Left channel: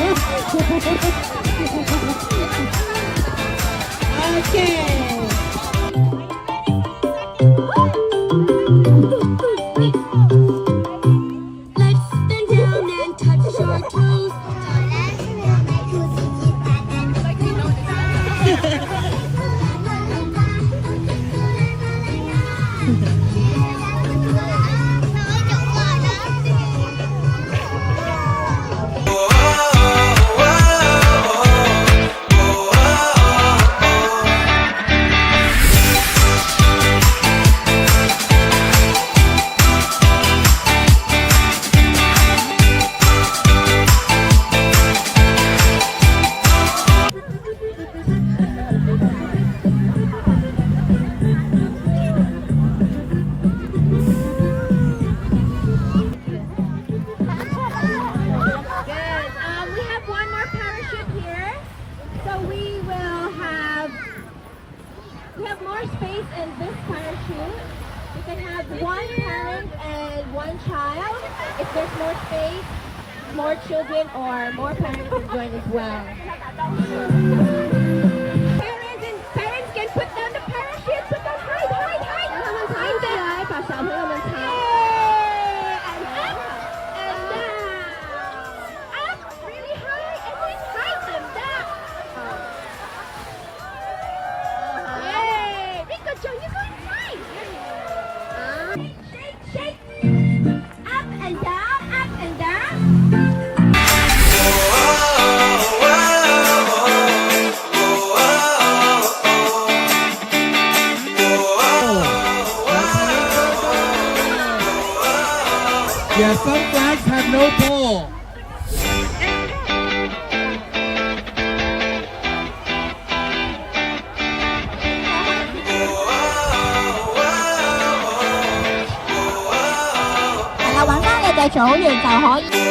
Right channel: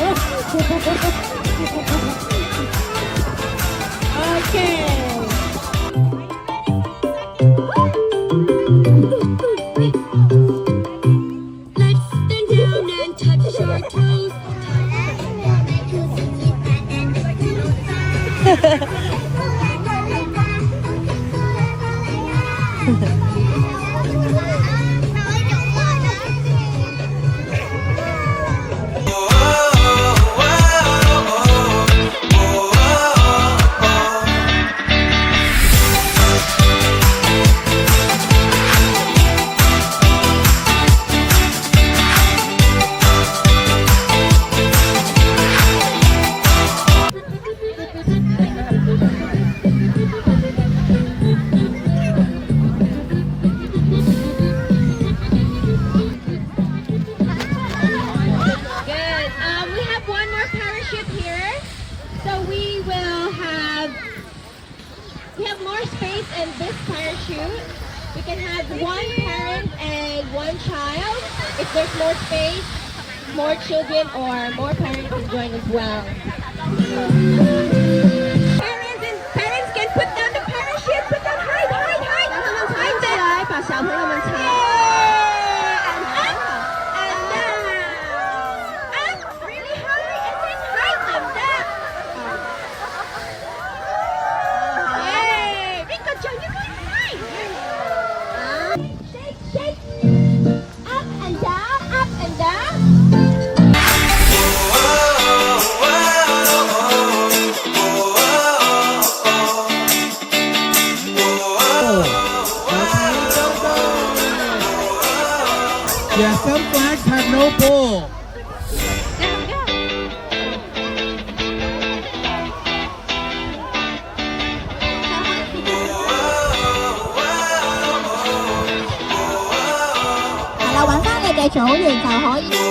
Okay. Let's bend down and touch your toes. We have more space in this parachute. We can have one parent and one child. If there's more space, more children or more parents can join as well. Parents can put down the parachute. Put down high. High there. 把小朋友们抬。And up. And down. Up really high and then high them down. Shake, up and down, Yeah, some flags have no pole. Là 揾返你嘅組員就可以。